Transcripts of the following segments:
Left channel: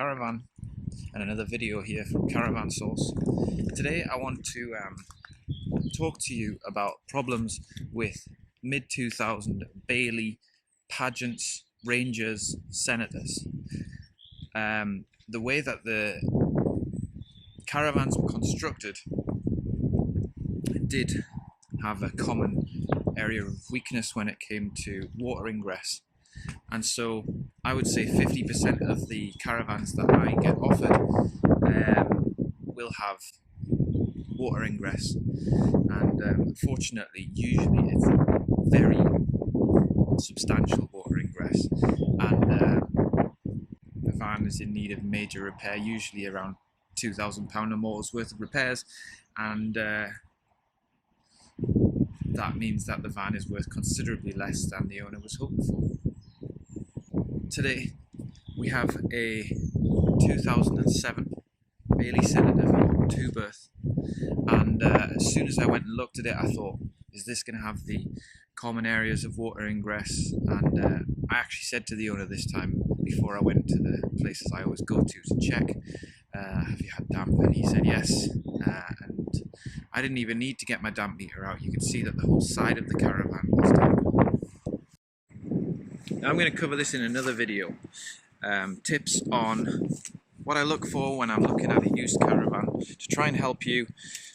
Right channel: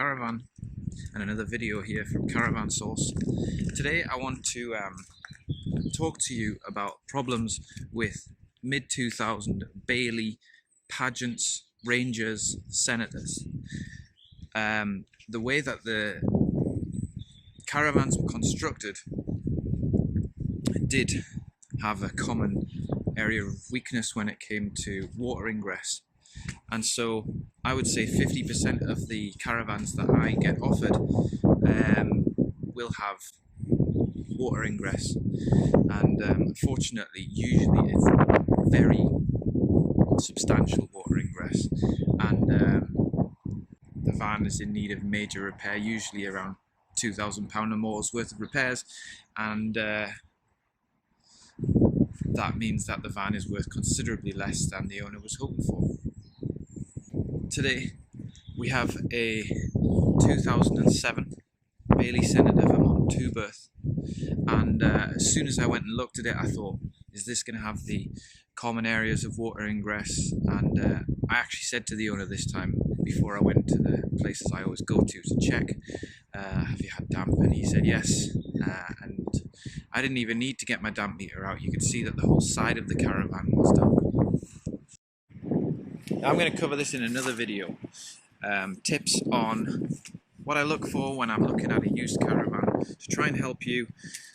Caravan and another video here from Caravan Source. Today I want to talk to you about problems with mid-2000 Bailey Pageants, Rangers, Senators. The way that the Caravans were constructed did have a common area of weakness when it came to water ingress. And so I would say 50% of the caravans that I get offered will have water ingress, and unfortunately usually it's very substantial water ingress, and the van is in need of major repair, usually around £2,000 or more's worth of repairs, and that means that the van is worth considerably less than the owner was hoping for. Today we have a 2007 Bailey Senator Vermont 2-berth, and as soon as I went and looked at it I thought, is this going to have the common areas of water ingress? And I actually said to the owner this time, before I went to the places I always go to check, have you had damp? And he said yes, and I didn't even need to get my damp meter out. You could see that the whole side of the Caravan was damp. I'm going to cover this in another video. Tips on what I look for when I'm looking at a used caravan, to try and help you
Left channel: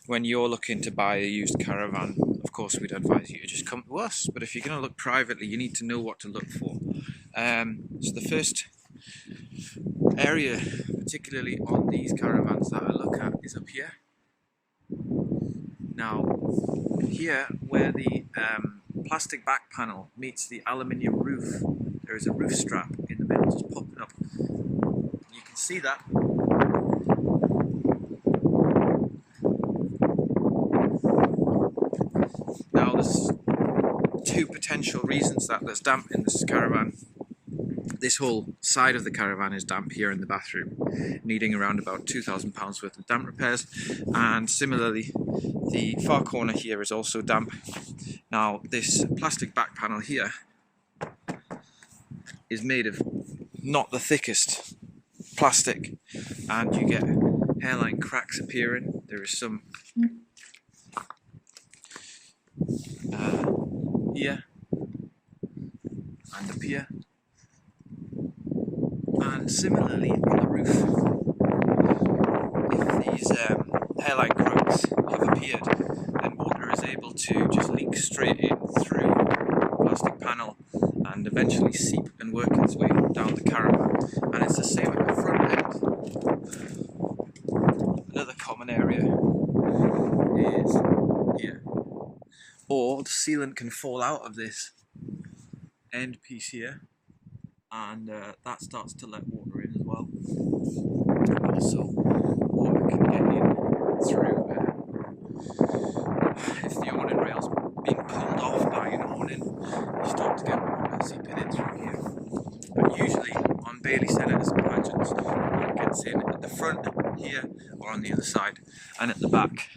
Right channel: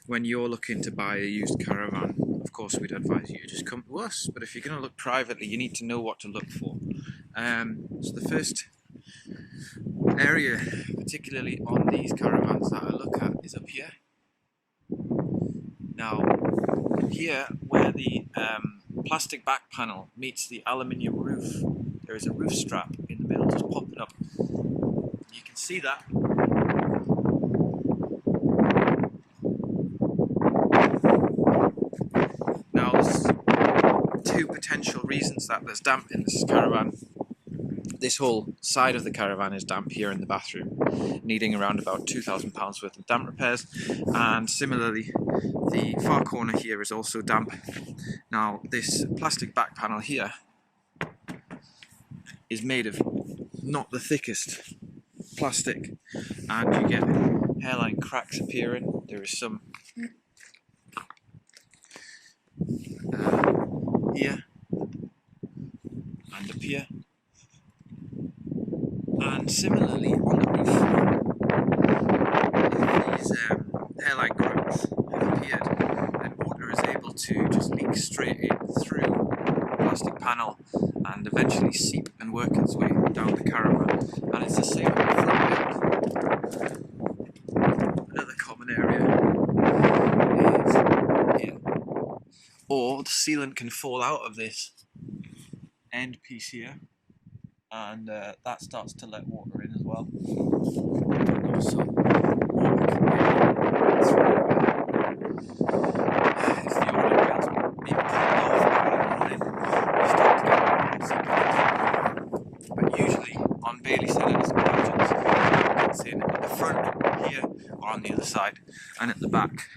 when you're looking to buy a used caravan. Of course, we'd advise you to just come to us, but if you're going to look privately, you need to know what to look for. So the first area, particularly on these caravans, that I look at is up here. Now, here where the plastic back panel meets the aluminium roof, there is a roof strap in the middle just popping up. You can see that. Now there's two potential reasons that there's damp in this caravan. This whole side of the caravan is damp here in the bathroom, needing around about £2,000 worth of damp repairs, and similarly the far corner here is also damp. Now this plastic back panel here is made of not the thickest plastic, and you get hairline cracks appearing. There is some here and up here, and similarly on the roof, if these hairline cracks have appeared, then water is able to just leak straight in through the plastic panel and eventually seep and work its way down the caravan. And it's the same at the front end. Another common area is here. Or the sealant can fall out of this end piece here, and that starts to let water in as well. And also water can get in through if the awning rail's been pulled off by an awning, you start to get water seeping in. But usually on Bailey Senators and Pageants, it gets in at the front here or on the other side, and at the back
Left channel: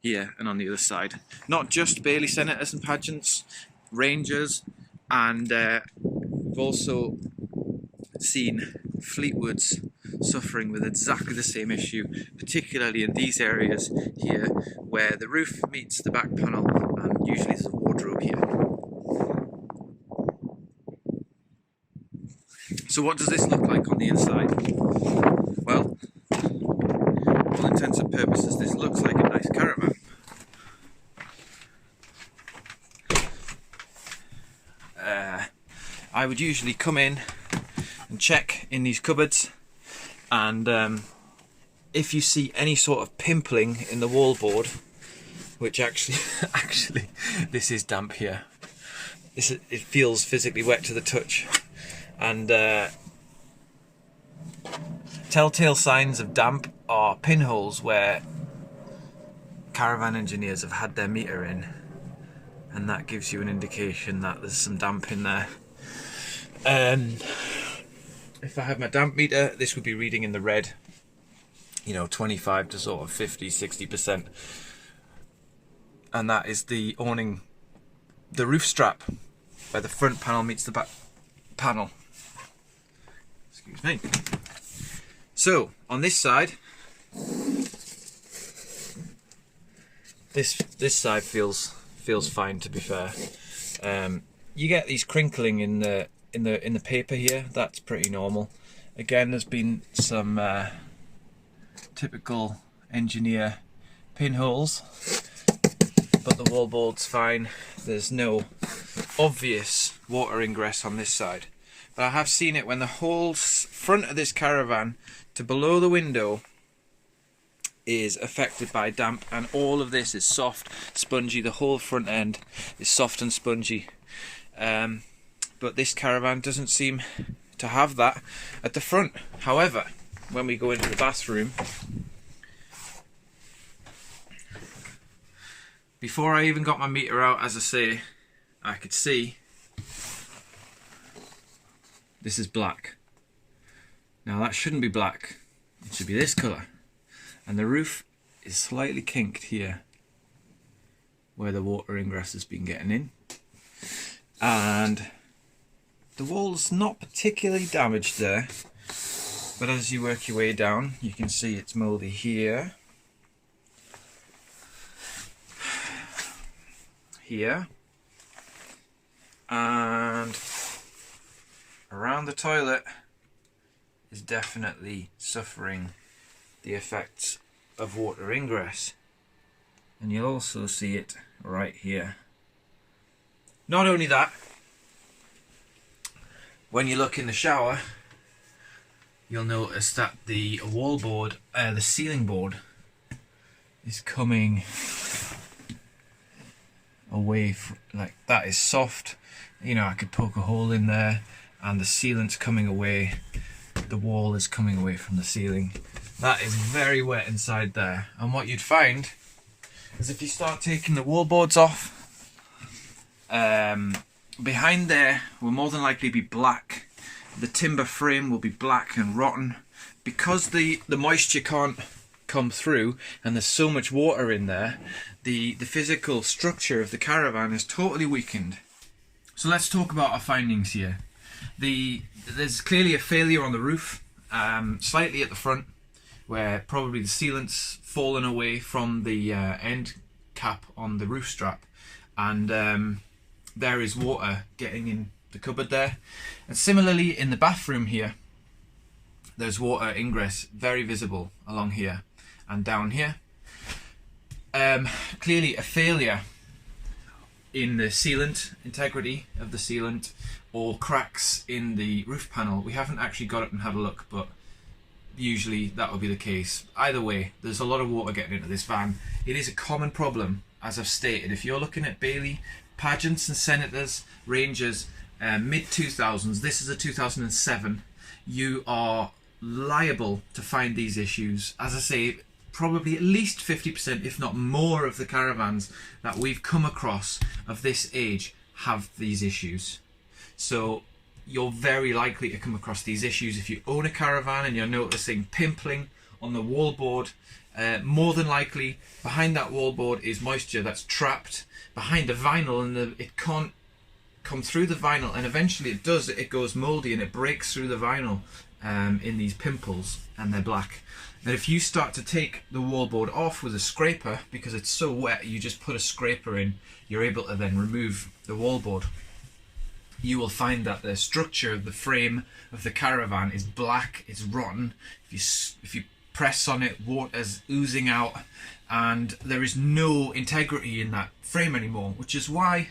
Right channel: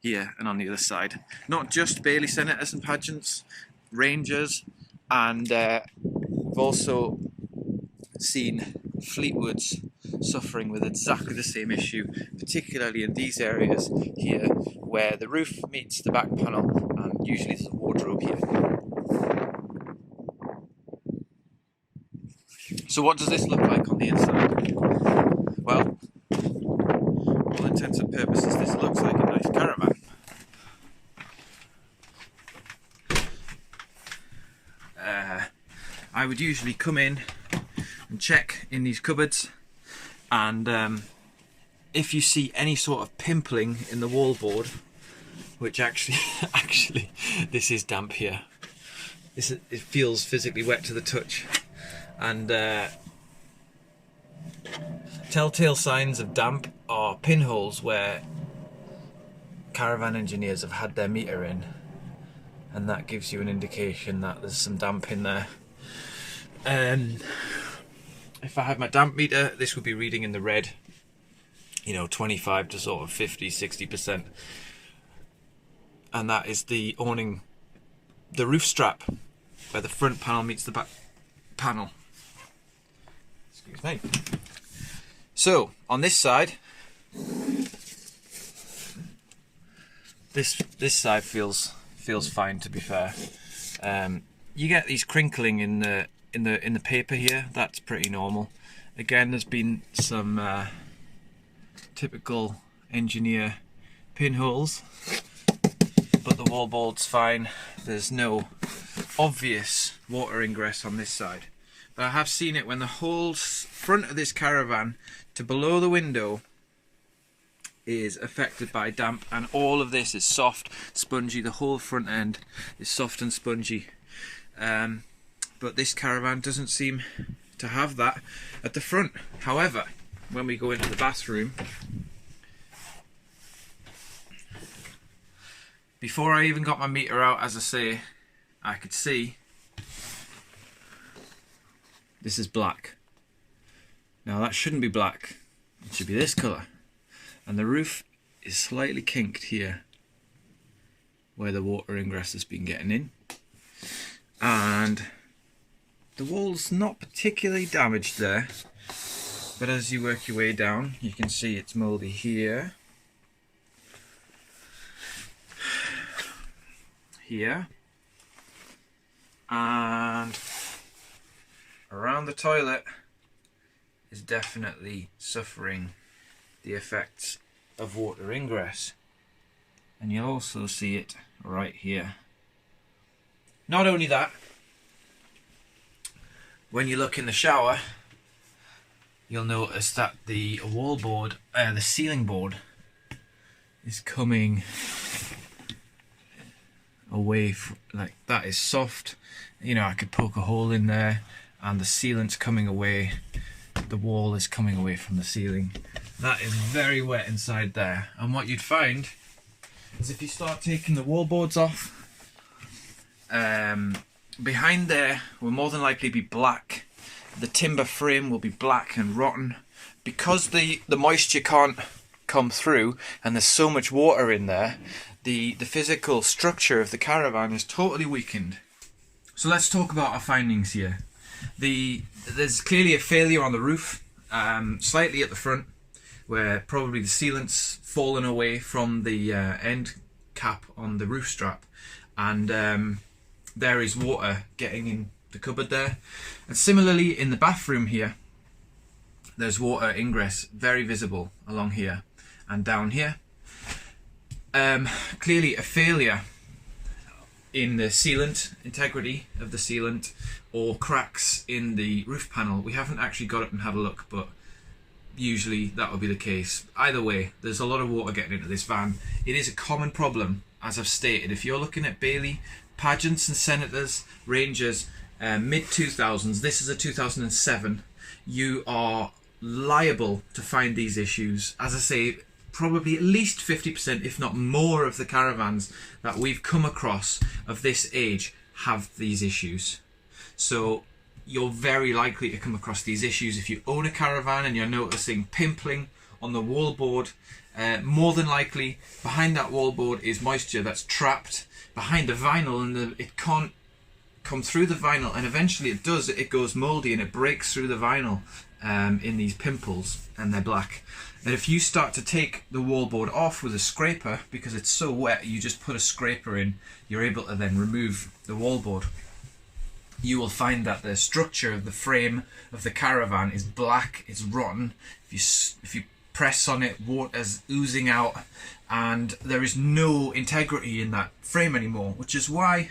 here and on the other side. Not just Bailey Senators and Pageants, Rangers, and we've also seen Fleetwoods suffering with exactly the same issue, particularly in these areas here where the roof meets the back panel, and usually there's a wardrobe here. So what does this look like on the inside? Well, for all intents and purposes, this looks like a nice caravan. I would usually come in and check in these cupboards, and if you see any sort of pimpling in the wallboard, which actually this is damp here. It feels physically wet to the touch, and telltale signs of damp are pinholes where caravan engineers have had their meter in, and that gives you an indication that there's some damp in there. If I had my damp meter, this would be reading in the red, 25 to sort of 50-60%, and that is the awning, the roof strap where the front panel meets the back panel. Excuse me. So on this side, this side feels fine, to be fair. You get these crinkling in the paper here. That's pretty normal. Again, there's been some typical engineer pinholes, but the wallboard's fine. There's no obvious water ingress on this side. But I have seen it when the whole front of this Caravan to below the window is affected by damp, and all of this is soft, spongy. The whole front end is soft and spongy. But this Caravan doesn't seem to have that at the front. However, when we go into the bathroom, before I even got my meter out, as I say, I could see this is black. Now that shouldn't be black, it should be this colour. And the roof is slightly kinked here where the water ingress has been getting in. And the wall's not particularly damaged there, but as you work your way down, you can see it's mouldy here, here, and around the toilet is definitely suffering the effects of water ingress. And you'll also see it right here. Not only that, when you look in the shower, you'll notice that the wall board, the ceiling board, is coming away like that. Is soft. You know, I could poke a hole in there, and the sealant's coming away. The wall is coming away from the ceiling. That is very wet inside there. And what you'd find is if you start taking the wall boards off, behind there will more than likely be black. The timber frame will be black and rotten because the moisture can't come through, and there's so much water in there. The physical structure of the Caravan is totally weakened. So let's talk about our findings here. There's clearly a failure on the roof, slightly at the front, where probably the sealant's fallen away from the end cap on the roof strap, and there is water getting in the cupboard there. And similarly in the bathroom here, there's water ingress very visible along here and down here. Clearly a failure in the sealant, integrity of the sealant, or cracks in the roof panel. We haven't actually got it and had a look, but usually that would be the case. Either way, there's a lot of water getting into this van. It is a common problem, as I've stated. If you're looking at Bailey, Pageants and Senators, Rangers, mid-2000s, this is a 2007, you are liable to find these issues. As I say, probably at least 50%, if not more, of the Caravans that we've come across of this age have these issues. So you're very likely to come across these issues if you own a Caravan and you're noticing pimpling on the wallboard. More than likely behind that wallboard is moisture that's trapped behind the vinyl, and it can't come through the vinyl, and eventually it does. It goes mouldy and it breaks through the vinyl in these pimples, and they're black. And if you start to take the wallboard off with a scraper, because it's so wet, you just put a scraper in, you're able to then remove the wallboard. You will find that the structure of the frame of the Caravan is black, it's rotten. If you press on it, water's oozing out, and there is no integrity in that frame anymore, which is why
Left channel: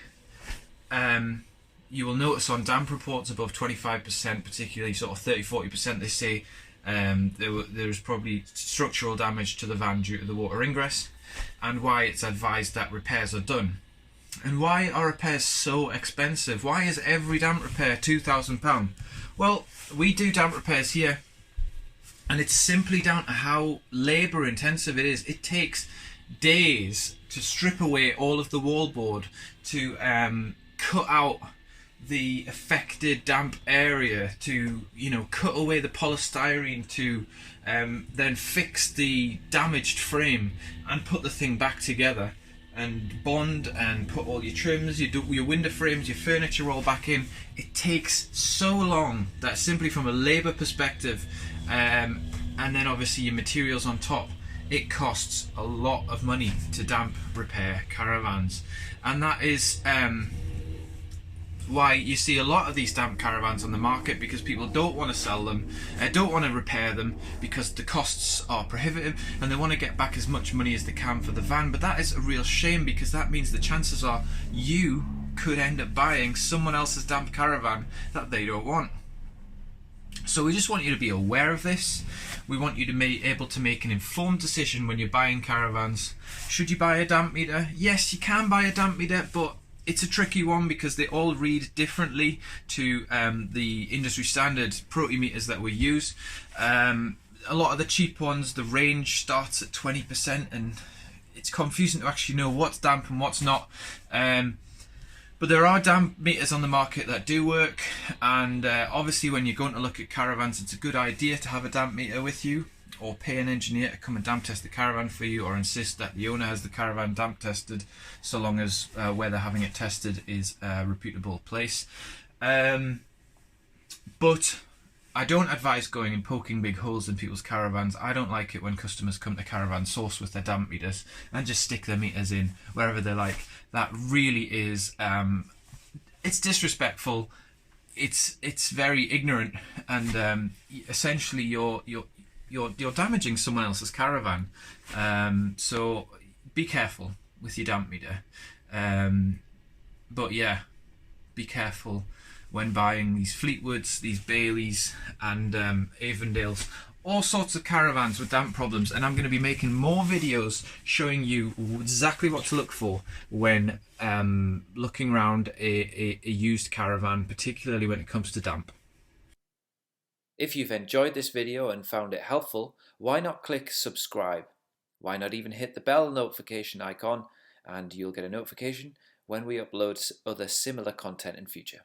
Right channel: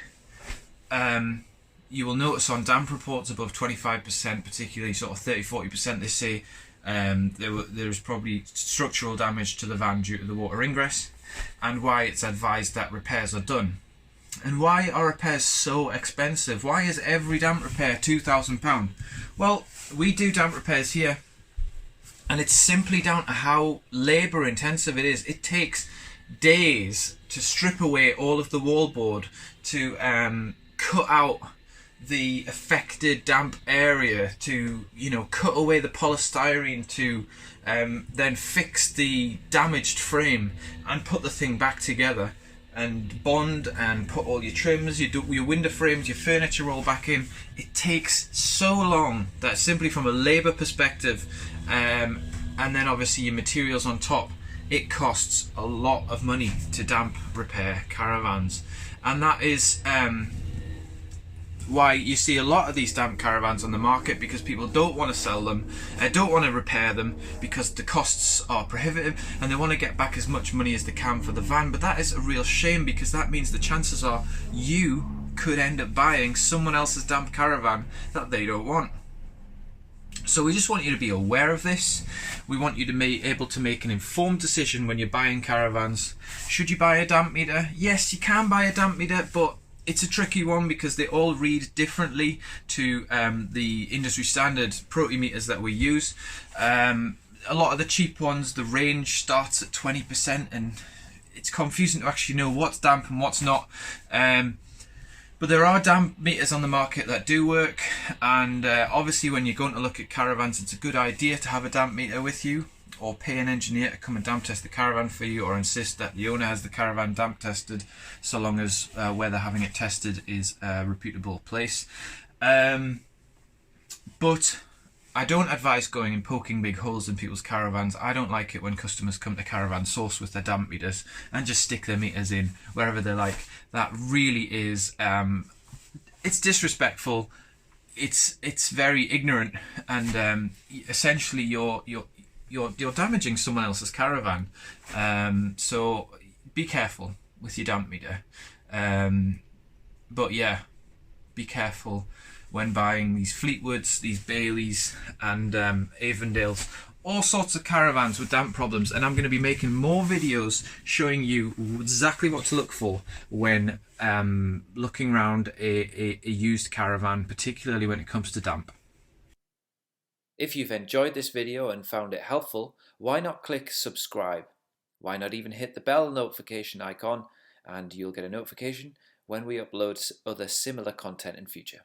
you will notice on damp reports above 25%, particularly sort of 30-40%, they say there is probably structural damage to the van due to the water ingress, and why it's advised that repairs are done. And why are repairs so expensive? Why is every damp repair £2,000? Well, we do damp repairs here, and it's simply down to how labour intensive it is. It takes days to strip away all of the wallboard, to cut out the affected damp area, to cut away the polystyrene, to then fix the damaged frame and put the thing back together, and bond and put all your trims, your window frames, your furniture all back in. It takes so long that simply from a labour perspective, and then obviously your materials on top. It costs a lot of money to damp repair caravans, and that is why you see a lot of these damp caravans on the market, because people don't want to sell them, don't want to repair them because the costs are prohibitive, and they want to get back as much money as they can for the van. But that is a real shame, because that means the chances are you could end up buying someone else's damp caravan that they don't want. So we just want you to be aware of this. We want you to be able to make an informed decision when you're buying caravans. Should you buy a damp meter? Yes, you can buy a damp meter, but it's a tricky one because they all read differently to the industry standard protimeters that we use. A lot of the cheap ones, the range starts at 20%, and it's confusing to actually know what's damp and what's not. But there are damp meters on the market that do work, and obviously when you're going to look at caravans, it's a good idea to have a damp meter with you, or pay an engineer to come and damp test the caravan for you, or insist that the owner has the caravan damp tested, so long as where they're having it tested is a reputable place. But I don't advise going and poking big holes in people's caravans. I don't like it when customers come to Caravan Source with their damp meters and just stick their meters in wherever they like. That really is, it's disrespectful. It's very ignorant, and essentially you're damaging someone else's caravan. So be careful with your damp meter. But yeah, be careful when buying these Fleetwoods, these Baileys, and Avondales, all sorts of caravans with damp problems. And I'm going to be making more videos showing you exactly what to look for when looking around a used caravan, particularly when it comes to damp. If you've enjoyed this video and found it helpful, why not click subscribe? Why not even hit the bell notification icon, and you'll get a notification when we upload other similar content in future.